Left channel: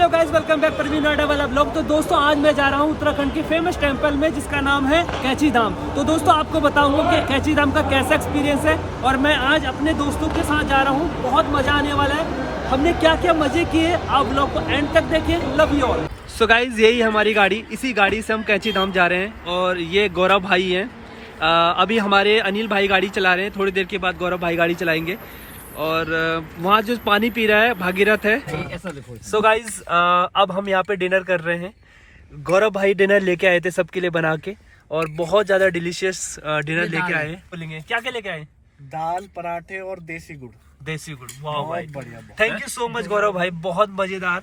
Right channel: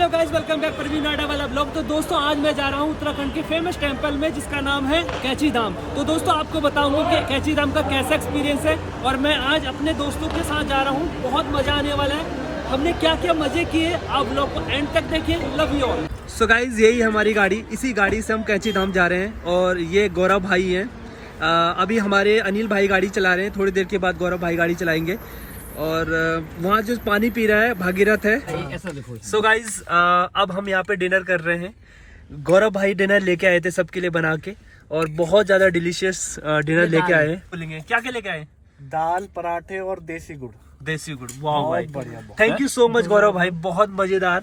Hello guys, welcome back Praveen Noida वाला blog. तो दोस्तों आज मैं जा रहा हूँ उत्तराखंड के फेमस टेंपल में जिसका नाम है कैची धाम। तो दोस्तों आपको बताऊंगा कि कैची धाम का कैसा एक्सपीरियंस है और मैं आज अपने दोस्तों के साथ जा रहा हूँ। बहुत मजा आने वाला है। हमने क्या क्या मजे किए आप ब्लॉग को एंड तक देखिए। Love you all. So guys यही हमारी गाड़ी, इसी गाड़ी से हम कैची धाम जा रहे हैं और ये गौरव भाई हैं। अभी हमारे अनिल भाई गाड़ी चला रहे हैं, थोड़ी देर के बाद गौरव भाई गाड़ी चलाएंगे। और वहाँ जो पानी पी रहा है भागीरथ है। सो गाइज अब हम यहाँ पे डिनर कर रहे हैं। गौरव भाई डिनर लेके आए थे सबके लिए बना के और बहुत ज्यादा डिलीशियस डिनर लेके आए। बोलेंगे क्या क्या लेके आए? दाल, पराठे और देसी गुड़। देसी गुड़, वाह भाई, बढ़िया। थैंक यू सो मच गौरव भाई, बहुत मजेदार।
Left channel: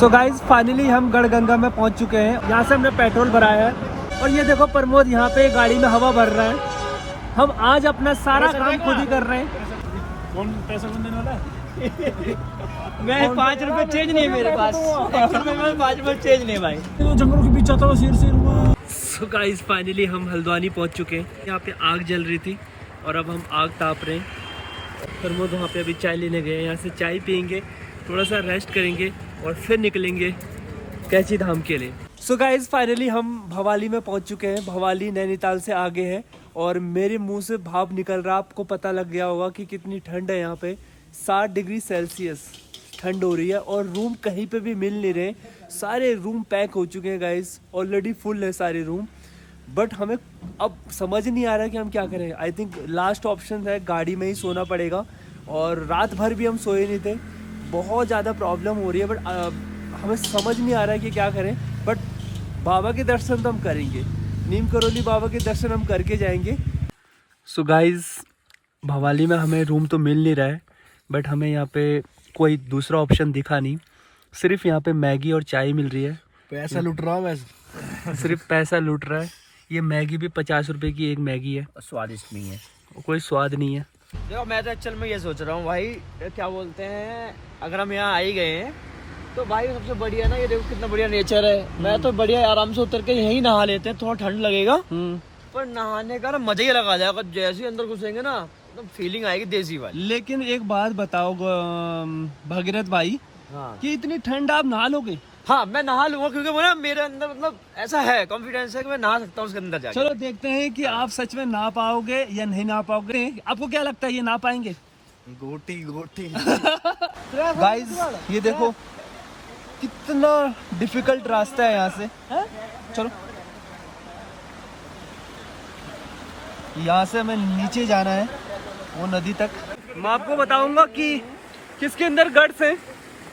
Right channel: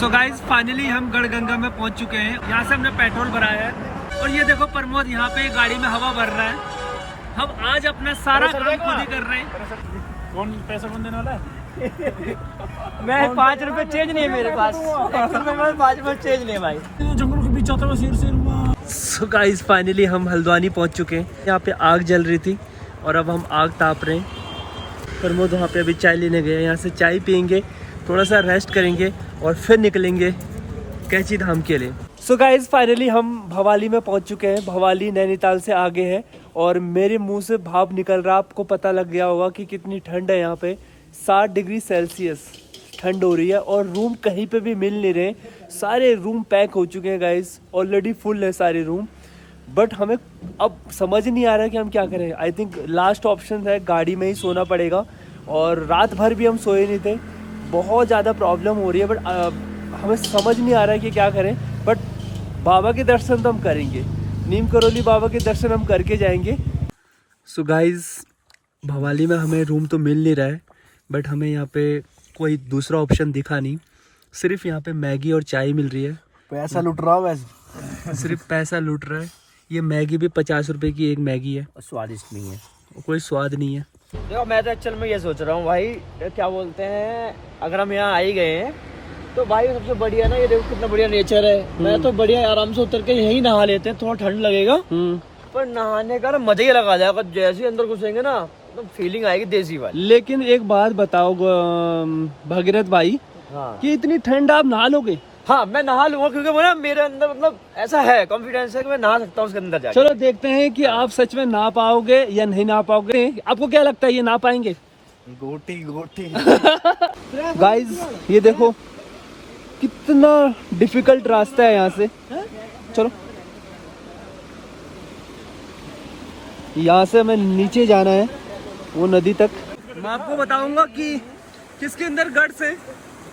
सो गाइज फाइनली हम गढ़गंगा में पहुंच चुके हैं। यहाँ से हमने पेट्रोल भराया है और ये देखो प्रमोद यहाँ पे गाड़ी में हवा भर रहा है। हम आज अपना सारा काम खुद ही कर रहे हैं। कौन पैसा कौन देने वाला है? मैं 5 रुपए चेंज नहीं है मेरे पास। 5 रुपए चेंज नहीं भाई। जंगलों के बीच आता हुआ शेर हुआ। सो गाइस फाइनली हम हल्द्वानी पहुंच चुके हैं। यहाँ पे आग जल रही थी और अब हम आग ताप रहे हैं। प्रमोद वहाँ पे अभी चाय लेने गए। यहाँ से चाय पियेंगे, थोड़ा सा रेस्ट करेंगे और फिर निकलेंगे कैची धाम के लिए। सो गाइस फाइनली हम भवाली में पहुंच चुके हैं। भवाली नैनीताल से आगे है और मेरे मुंह से भाप निकल रहा। आपको पता लग गया होगा कि कितनी ठंड है। यहाँ पे 60 डिग्री सेल्सियस ठंड हो रही है और रूम कहीं पे भी मिल नहीं रहे। सारे रूम पैक हो चुके हैं गाइस, ऑलरेडी फुल है सारे रूम। बट हमें अब समझ नहीं आ रहा है कि हम क्या करें। आई थिंक लास्ट ऑप्शन है गाड़ी में ही सोना पड़ेगा। और रात भर भी हम सोए नहीं थे, बहुत ज़्यादा प्रॉब्लम हो रही है। बट हमें समझ नहीं आ रहा है कि क्या करें। बट बाबा के दर्शन तो हम करेंगे, नीम करोली बाबा के दर्शन हम करके जाएंगे। सो गाइज भवाली में हमें रूम तो मिल नहीं रहा है, बट हमें यहाँ पे कोई दूसरा ऑप्शन दिखा नहीं। सिर्फ यहाँ पे मैगी और चाय मिल रही है। पैसा लूट रहा हूँ वैसे। सिर्फ पैसा लूट रहा है। ये मैगी भी 50 रुपए की एक मैगी है, स्वादिष्ट नहीं है, कोई स्वाद नहीं है। देखो मैं तो एक्चुअल में ये सोच रहा हूँ भाई, क्या बोलते हैं, अगर हम यहाँ आ ही गए हैं तो भाई सबसे बढ़िया ना, ये देखो कितना बढ़िया नेचर है। मैं तो बढ़िया आराम से उतर के यहीं नहा लेते हैं। थोड़ा ठंड लगेगा पर नहाने का ना मजा ही लगा जाएगा। जैसे ही अंदर घुसेंगे ना तो फीलिंग आएगी देसी वाली। लेकिन एक बात बताओ भागीरथ भाई, हाँ कि इतनी ठंड आप नहा लोगे? हाँ मैं नहा लूंगा क्योंकि वो ना मेरे अंदर मतलब ऐसा है, कॉन्फिडेंस है कि मैं नहा सकता हूँ उसके अंदर जाके। चलो देखते हैं कि आप सच में नहा पाओगे या नहीं नहा पाओगे। आपको क्या लगता है ये नहा पाएंगे? गोटी गोटी। गाइस ये देखो कितना डिफिकल्ट रास्ता है यहाँ से। चलो यहाँ से हमें नीचे जाना है वो नदी तक। मैं आपको बताऊंगा कि किसके अंदर गट्स है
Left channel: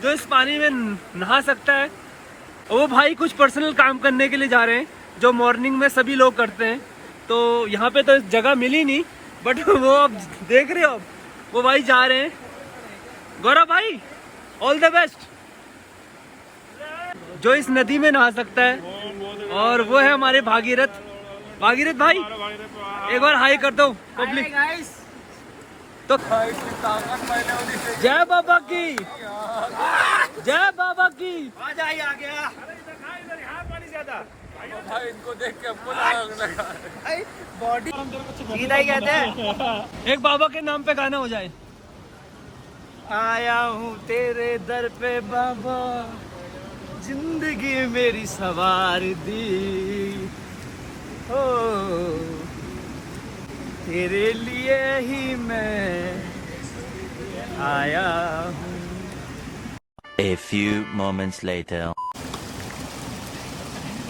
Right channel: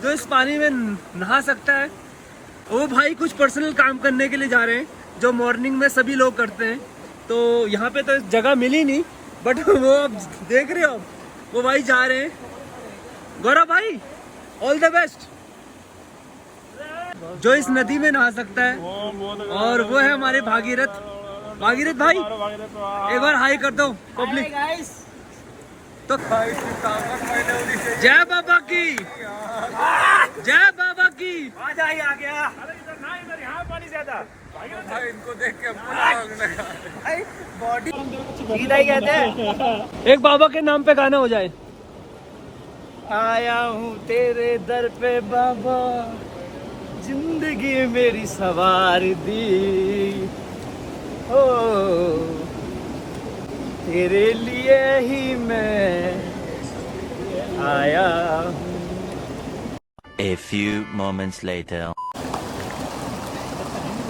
जो इस पानी में नहा सकता है। वो भाई कुछ पर्सनल काम करने के लिए जा रहे हैं जो मॉर्निंग में सभी लोग करते हैं। तो यहाँ पे तो जगह मिली नहीं, बट वो अब देख रहे हो अब वो भाई जा रहे हैं। गौरव भाई ऑल द बेस्ट। जो इस नदी में नहा सकता है और वो है हमारे भागीरथ। भागीरथ भाई एक बार हाई कर दो पब्लिक। तो जय बाबा की, जय बाबा की। आ गया इनको देख के बॉडी सीधा ही कहते हैं। एक बाबा के नाम पे गाना हो जाए। आया हूँ तेरे दर पे बाबा, जिंदगी मेरी सवार दी हो, तेरे लिए ही मैं आया हूँ। A few moments later.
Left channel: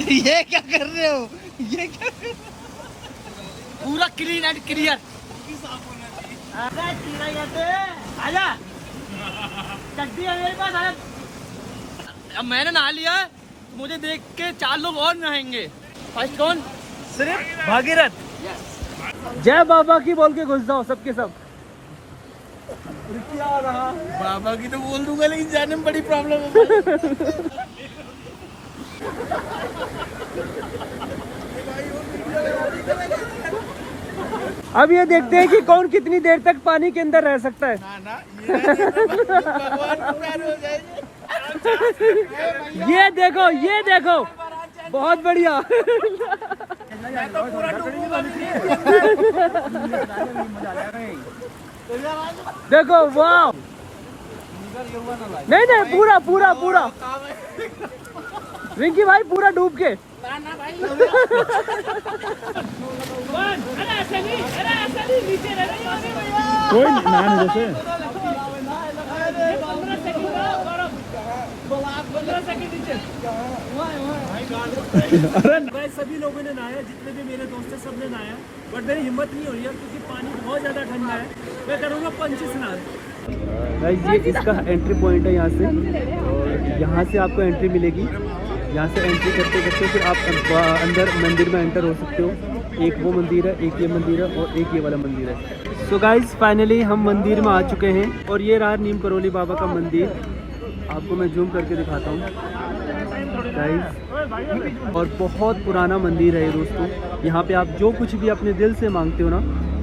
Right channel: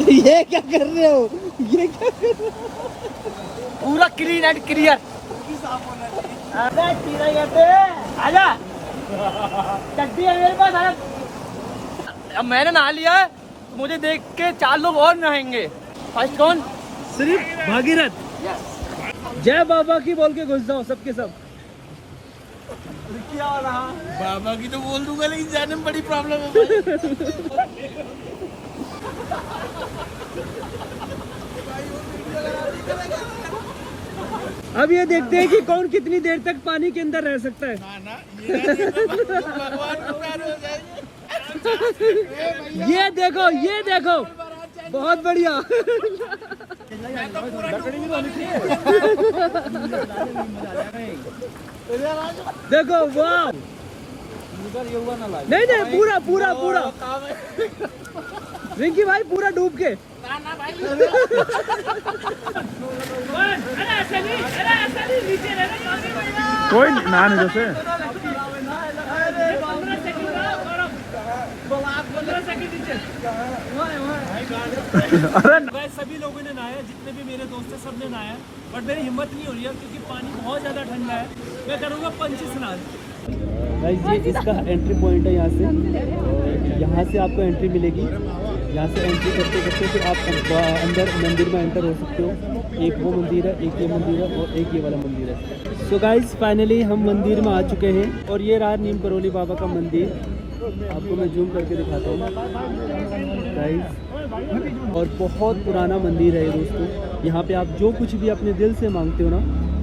ये क्या कर रहे हो? ये क्या कर रहे हो? पूरा क्लीन एंड क्लियर। आजा चड्डी है मेरे पास। आजा, अब मैंने नहा लिया है, मुझे देख के 4 लोग और नहाएंगे। फर्स्ट कौन? सिर्फ भागीरथ। जय बाबा की बोल के घुस जाओ सबके सब। क्या रहा? बाबा की तो बोल दूंगा लेकिन जाने में बड़ी प्रॉब्लम है भाई। अब ये देखते हैं कि कौन कितनी देर तक पानी के अंदर रह सकता है। ना भगवान नाराज हो जाएंगे। ये देखो, ये देखो, बहुत बढ़िया। मैं तो पूरा डूबूंगा भी नहीं। देखो वाह, नहीं नहीं पूरा पूरा पूरा रिंकी भाई पूरा डूब के। ना ना भाई कोई नान जैसे अरे सभी लोगों ने नहाया, जितने भी मेरे दोस्त हैं सब ने नहाया, बट मेरी हिम्मत नहीं हो रही है क्योंकि पानी बहुत ज़्यादा ठंडा है। मैं करूँगा पंछी स्नान। ये इसका एंट्री पॉइंट है, यहाँ से आपको एंट्री मिलेगी। यहाँ से एंट्री करते करते फिर आप अंदर मंदिर में एंटर हो सकते हो। एक वो मंदिर है, एक ये मंदिर है और एक ये वाला मंदिर है। सो गाइज फाइनली हम मंदिर में आ चुके हैं और ये रहा नीम करोली बाबा का मंदिर। आपको मैं जूम करके दिखाता हूँ गाइज, और बहुत पुराना मंदिर है ये दोस्तों। यहाँ पे आप जो कुछ भी अपने दिल से मांगते हो ना,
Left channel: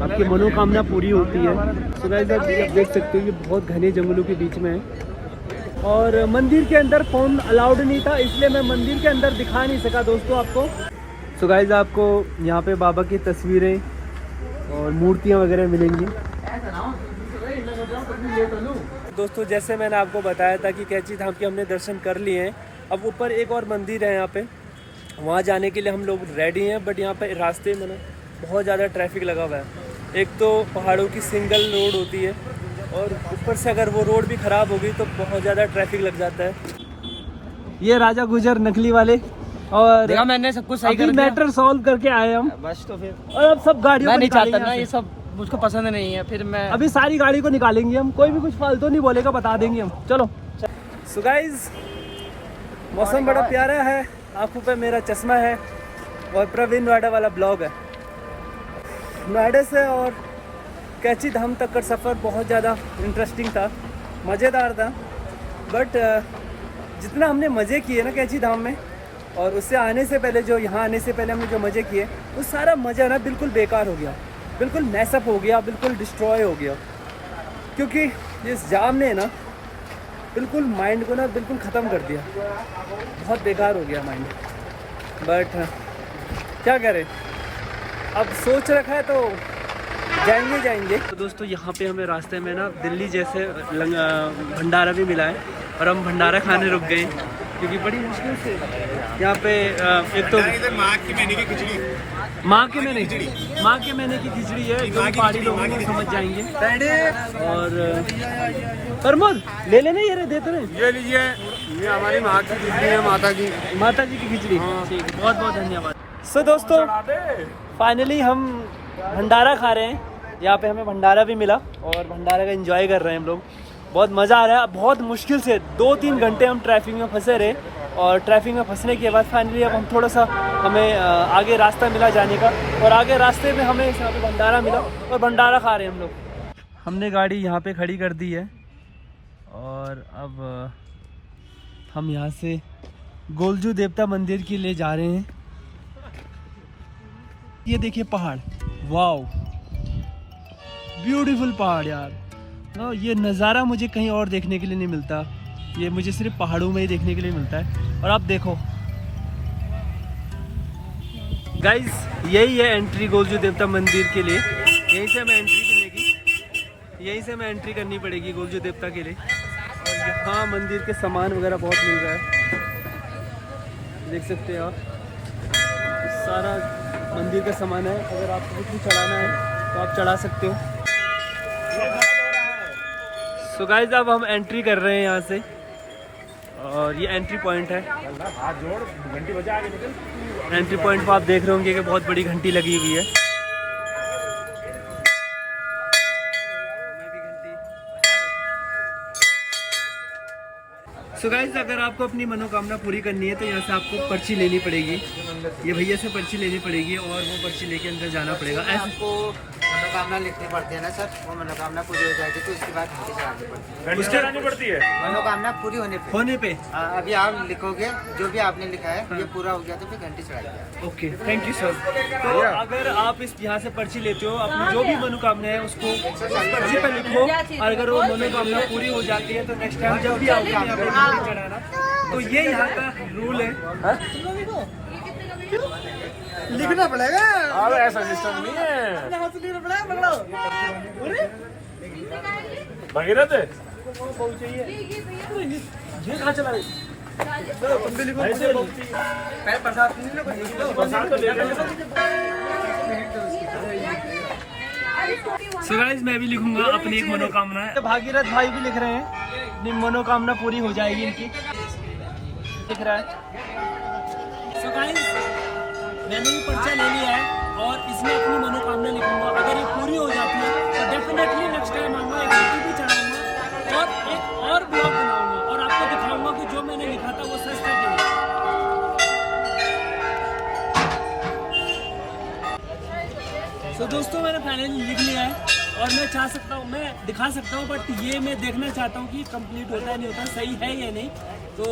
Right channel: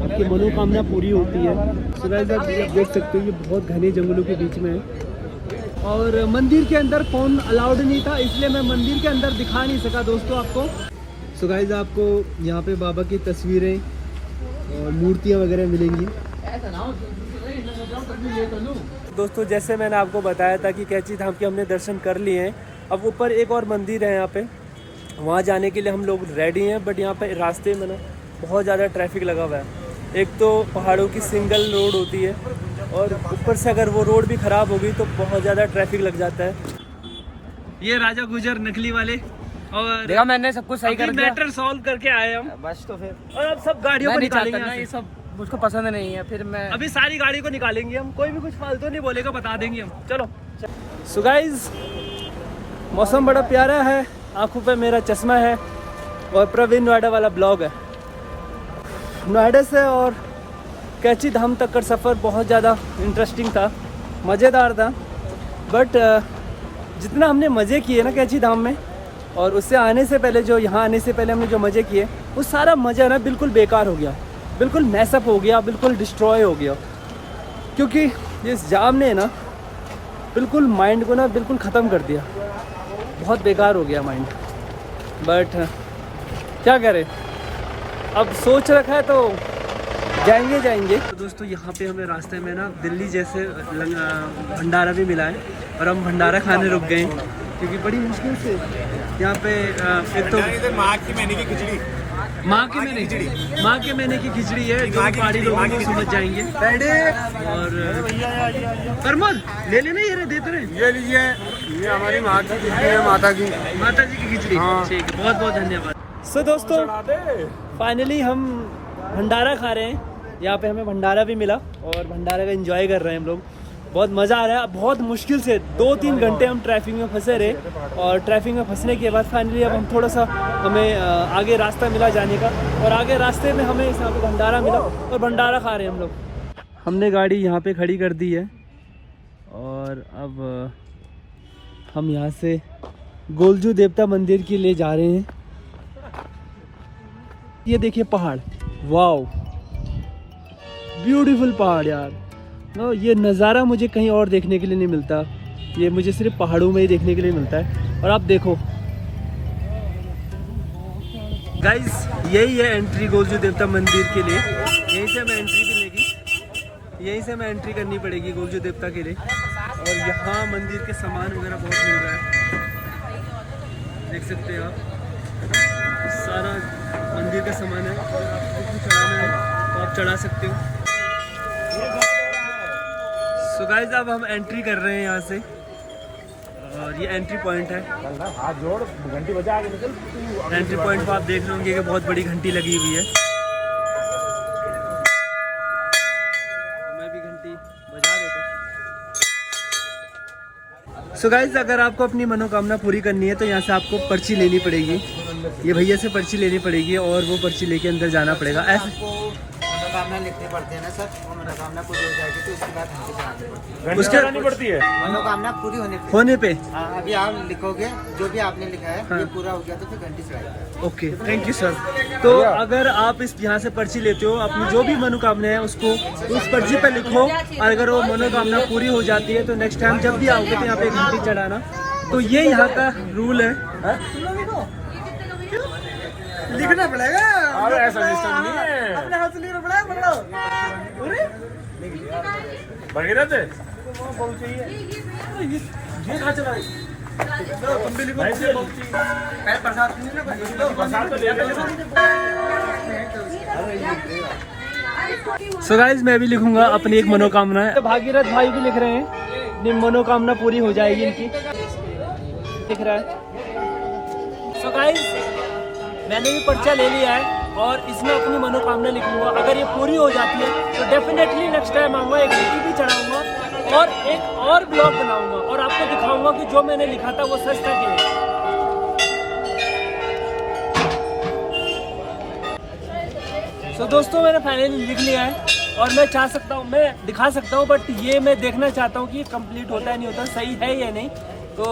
आपकी मनोकामना पूरी होती है। सो गाइज आप देख सकते हो ये बहुत घने जंगलों के बीच में है और मंदिर के अंदर फ़ोन अलाउड नहीं था, इसलिए मैं मंदिर के अंदर दिखा नहीं सका दोस्तों आपको। सो गाइज आपको यहाँ पे बाबा की तस्वीरें और मूर्तियाँ वगैरह मिलेंगी। दोस्तों जैसे मैंने आपको बताया था कि कैची धाम के हमने दर्शन कर लिए हैं। अब ऊपर एक और मंदिर है यहाँ पे, वहाँ जाने के लिए हम लोग रेडी हैं, बट यहाँ पे रास्ते में ना बहुत ज़्यादा ट्रैफिक लगा हुआ है। एक तो पहाड़ों की सिंगल रोड होती है और ऊपर से अगर वो रोड भी ख़राब हो गई तो बहुत ज़्यादा ट्रैफिक लग जाता है। ये राजा गुजर नकली वाले, और देखा मैंने सब कुछ सही कर दिया, मैटर सॉल्व करके आए हम बस। तो फिर और अब सब गाड़ियों को निकालेंगे यहाँ ये से। सब मुझको पसंद नहीं है, फिर मैं अभी सारी गाड़ी को निकालेंगे हम, कोई भी कुछ फालतू नहीं बोलेगा, बता देंगे हम। चलो सो गाइस मौसम बड़ा प्यारा है, आंखों पे मेरा चश्मा है और प्रवीण नोएडा वाला ब्लॉग है। नोएडा से और कैची धाम तक का सफ़र बहुत ज़्यादा इंटरेस्टिंग था, मज़ेदार था, बट जितना हमने मज़े किए ना कैची धाम में, और उससे आने से पहले जो यहाँ आने से पहले हमने जो मज़े किए, वो सारा मज़ा ना बिल्कुल बेकार हो गया, बिल्कुल मैसअप हो गया, बिल्कुल डिस्ट्रॉय हो गया, क्योंकि इस जाम ने ना बिल्कुल माइंड को ना बिल्कुल ख़त्म कर दिया। बहुत बेकार हो गया माइंड, बट क्या करें, अब सोच रखा है तो जाएंगे। तो दोस्तों यहाँ पे हमें रास्ते में ना दिल्ली जैसे भंडारा भी मिला है और हम भंडारा खाने रुक गए क्योंकि बड़ी मुश्किल से यहाँ पे एक तो माँ के महीने की खिचड़ी माँ के महीने की खिचड़ी है, जो पहाड़ी लोग नहीं समझ जाएंगे। और प्रमोद ले लेना, ये देते रहे, ये लीजिए, ये हमारी माँ की खिचड़ी है, माता जी की खिचड़ी। ठीक है, बहुत बहुत धन्यवाद। सो दोस्तों फाइनली हम भंडारा खा रहे हैं, यहाँ पे हमें भंडारा भी मिला और भंडारा का एंजॉय कर रहे हैं हम लोग। बहुत मज़ा आ रहा है। बहुत मुश्किल से 2-3 घंटे हम ट्रैफिक में फंसे रहे और ट्रैफिक में फंसने के बाद फाइनली अब हम थोड़ा सा हमें आगे रास्ता मिला जाने का, और आगे रास्ते में हमें यहाँ पे भंडारा मिला और भंडारा खा रहे हैं हम लोग। हमने गाड़ी यहाँ पे खड़ी कर दी है और अब हम यहाँ से गोलजू देवता मंदिर के लिए जा रहे हैं। ये देखिए पहाड़, वाओ ब्यूटीफुल पहाड़ यार। नो ये नज़ारा मुझे कहीं और देखने के लिए नहीं मिलता, ये मुझे सिर्फ पहाड़ों में ही देखने के लिए मिलता है। और आप देखो गाइस, यही है एंट्री गोलजू देवता मंदिर के लिए। यहीं से हमें एंट्री मिलेगी, यहीं से हमें एंट्री करनी पड़ेगी गोलजू देवता के लिए। और यहाँ मंदिर के सामान वगैरह बहुत मिल रहा है, देख सकते हैं आप, सारा मंदिर का सामान है। अगर आपको कुछ भी चढ़ाना है तो आप चढ़ा सकते हो। सो गाइस अब हम एंट्री कर रहे हैं यहाँ से, और ये एंट्री पॉइंट है। हाथ जोड़, घंटी बजा आगे निकल। एंट्री पॉइंट पर आप देख रहे होंगे कि बहुत बड़ी घंटी लगी हुई है। मैं भी घंटी बजा देता हूं। सो गाइस अगर आपको अपनी मनोकामना पूरी करनी है तो यहाँ से आपको पर्ची लेनी पड़ेगी, ये भैया से पर्ची लेनी पड़ेगी और वो पर्ची लेके अंदर जाना पड़ेगा। ऐसे मनोकामना लिखनी पड़ती है ना सर, वो मनोकामना पूरी हो जाएगी तो उसके बाद घंटी चढ़ानी पड़ती है। उसके पड़ती है मनोकामना पूरी होने पे अभी आप लिखोगे जो भी आपने लिखा है, ये पूरा हो गया तो फिर घंटी चढ़ाएगी। Okay, thank you sir. तो अगर आप इस यहाँ से पर्ची लेते हो, अपनी जो भी मनोकामना है उसको उस पर्ची पे लिखो, और अगर वो मनोकामना पूरी हो जाती है तो नेक्स्ट टाइम जब भी आओगे यहाँ पे घंटी चढ़ाना। तो ये यहाँ का रूल है। लिखना पड़ेगा, ऐसा सिस्टम नहीं है। अपने हाथ से लिखना पड़ेगा, पकड़ो। भगीरथ ये कहाँ चला सो गाइस मैं भी लिखूंगा अपनी एक मनोकामना है। भागीरथ भाई भी लिख रहे हैं अपनी मनोकामना पूरी हो जाएगी इनकी, लिख रहा है। सो गाइस मैंने भी पर्चा ले लिया है और इसमें अपनी मनोकामना लिखूंगा। अगर ये पूरी हो जाती है तो डेफिनेटली नेक्स्ट टाइम आऊँगा, एक वीडियो भी चढ़ाऊंगा और एक और ब्लॉग बनाऊंगा और आपको दिखाऊंगा कि जो मैंने लिखा था वो सच था कि नहीं। तो दोस्तों मैंने फाइनली लिख लिया है और मैं चाह सकता हूँ, मैं दिखा सकता हूँ, बट ये मैं देखना चाहता हूँ कि कंप्लीट होता है नहीं होता, सही है या नहीं। तो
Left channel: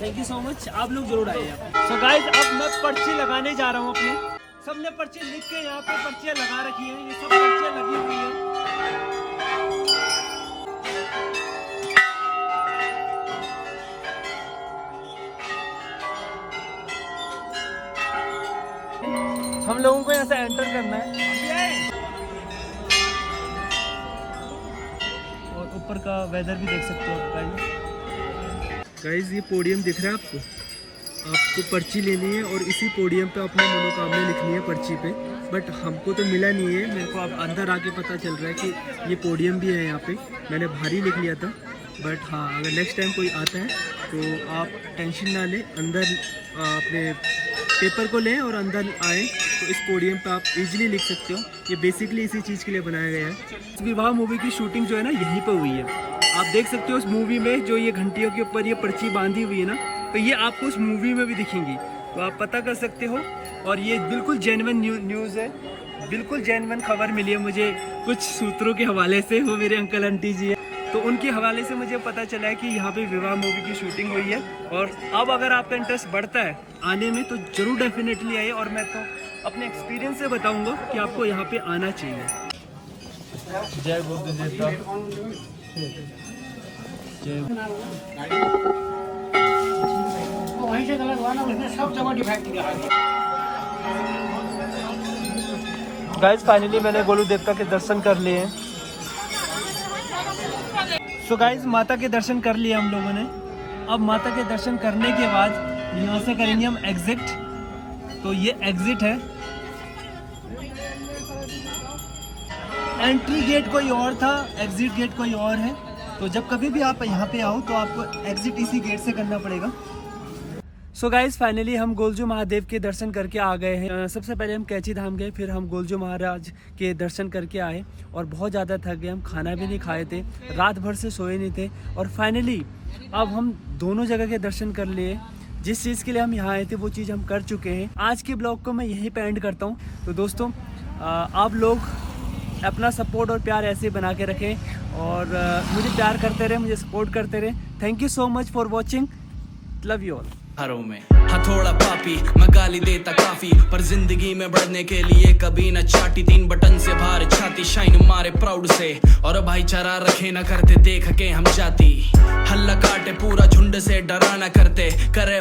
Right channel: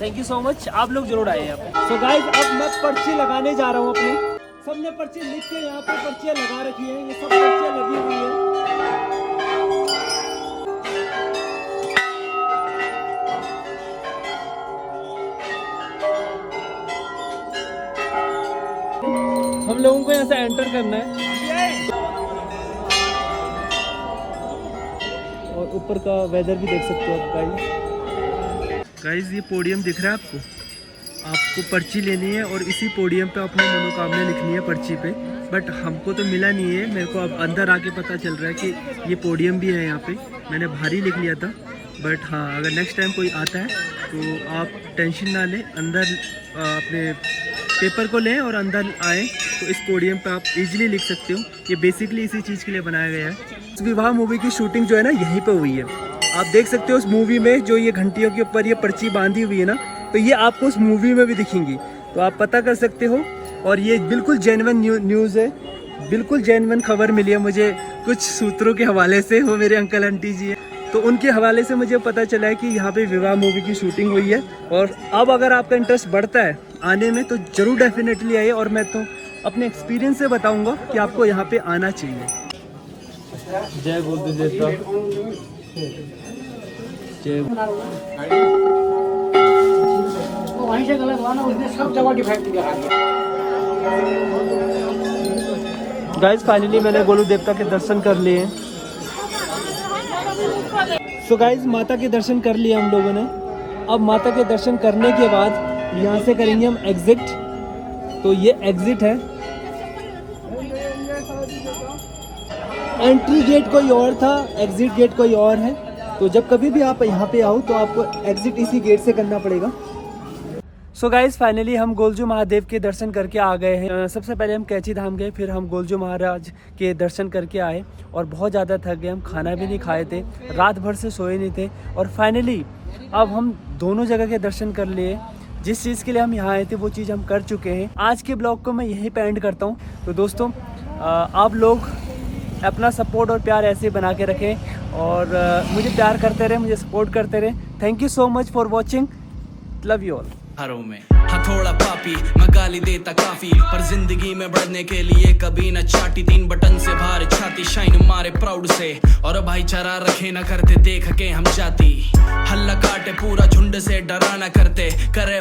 थैंक यू सो मच, आप लोग जरूर आइए यहाँ पे। सो गाइस अब मैं पर्ची लगाने जा रहा हूँ अपनी। सबने पर्ची लिख के यहाँ पे पर्चियाँ लगा रखी हैं, ये सब पर्चियाँ लगी हुई हैं। हम लोगों को यहाँ से एंटर करना है और ऊपर का वेदर भी देख सकते हो गाइस। ये पोडियम दिख रहा है आपको, आपको पर्ची लेनी है और इसी पोडियम पे अपनी मनोकामना लिखनी है पर्ची पे। बट हमको तो मिला नहीं है, मेरे को अब अंदर आके पता चल रहा है कि ये पोडियम भी है यहाँ पे। मैंने बाहर ही लिख लिया था, बट हाँ अगर नेक्स्ट टाइम कोई आता है तो आप टेंशन ना लें, अंदर अपने पेपर को लें और अंदर आए तो इस पोडियम पे आप इजीली लिख सकते हो। ये बेसिकली इसी चीज़ के लिए बनाया गया है। इस विवाह मूवी की शूटिंग जो है ना यहीं पे हुई है। आप देख सकते हो उस मूवी में जो ये घंटियों के ऊपर ये पर्ची बांधी हुई है ना, तो ये आपको उस मूवी में भी दिखेंगी, तो आप पता कर सकते हो। और ये बिल्कुल जेन्युइन न्यूज़ है, बिल्कुल जेन्युइन खबर मिली है मुझे कुछ सूत्रों के हवाले से, वो मेरे अंकल आंटी जी हैं, तो उनके हवाले से मुझे पता चला है कि यहाँ पे विवाह मूवी की शूटिंग हुई है। और अब अगर आपका इंटरेस्ट बढ़ता है आने में तो ज़रूर डेफिनेटली आइए, और मैं तो अपने एक्सपीरियंस से बताऊँगा कि आपको यहाँ पे आना चाहिए। जय बोलते जय वहीं से गलत हुआ ना, उसने सब जगह डिफेक्ट दिखा दिया। गाइस फाइनली मैंने गोली देवता के दर्शन कर लिए। सो गाइस माता के दर्शन कर लिए हम लोगों ने। अब माता के दर्शन करने के बाद यहाँ से करेंगे हम एग्जिट। तो ये एग्जिट है, एंट्री गेट कोई और था, एग्जिट गेट कोई और है। तो जब कभी भी आप यहाँ पे आओ तो आपको एग्जिट इसी गेट से करना पड़ेगा। सो गाइस फाइनली हम गोलजू महादेव के दर्शन करके आ गए हैं। सबसे पहले हम कैची धाम गए, फिर हम गोलजू महाराज के दर्शन करके आए और बहुत ज़्यादा थक गए। हम खाना भी नहीं खाए थे, रात भर से सोए नहीं थे, और फाइनली अब हम दोनों जगह के दर्शन कर लिए। जिस चीज़ के लिए हम यहाँ आए थे वो चीज़ हम कर चुके हैं। आज के ब्लॉग को मैं यहीं पे एंड करता हूँ। तो दोस्तों आप लोग अपना सपोर्ट और प्यार ऐसे बना के रखें और मुझे प्यार करते रहे, मुझे सपोर्ट करते रहे। Thank you so much for watching, love you all. हरों में हथौड़ा पापी मैं गाली देता काफी, पर जिंदगी में बढ़ने के लिए कभी न चाटी। 3 बटन से भार छाती, शाइन मारे प्राउड से, और भाईचारा रखे न करते देख के हम जाती। हल्ला काटे पूरा झुंड से डरा न करते, करे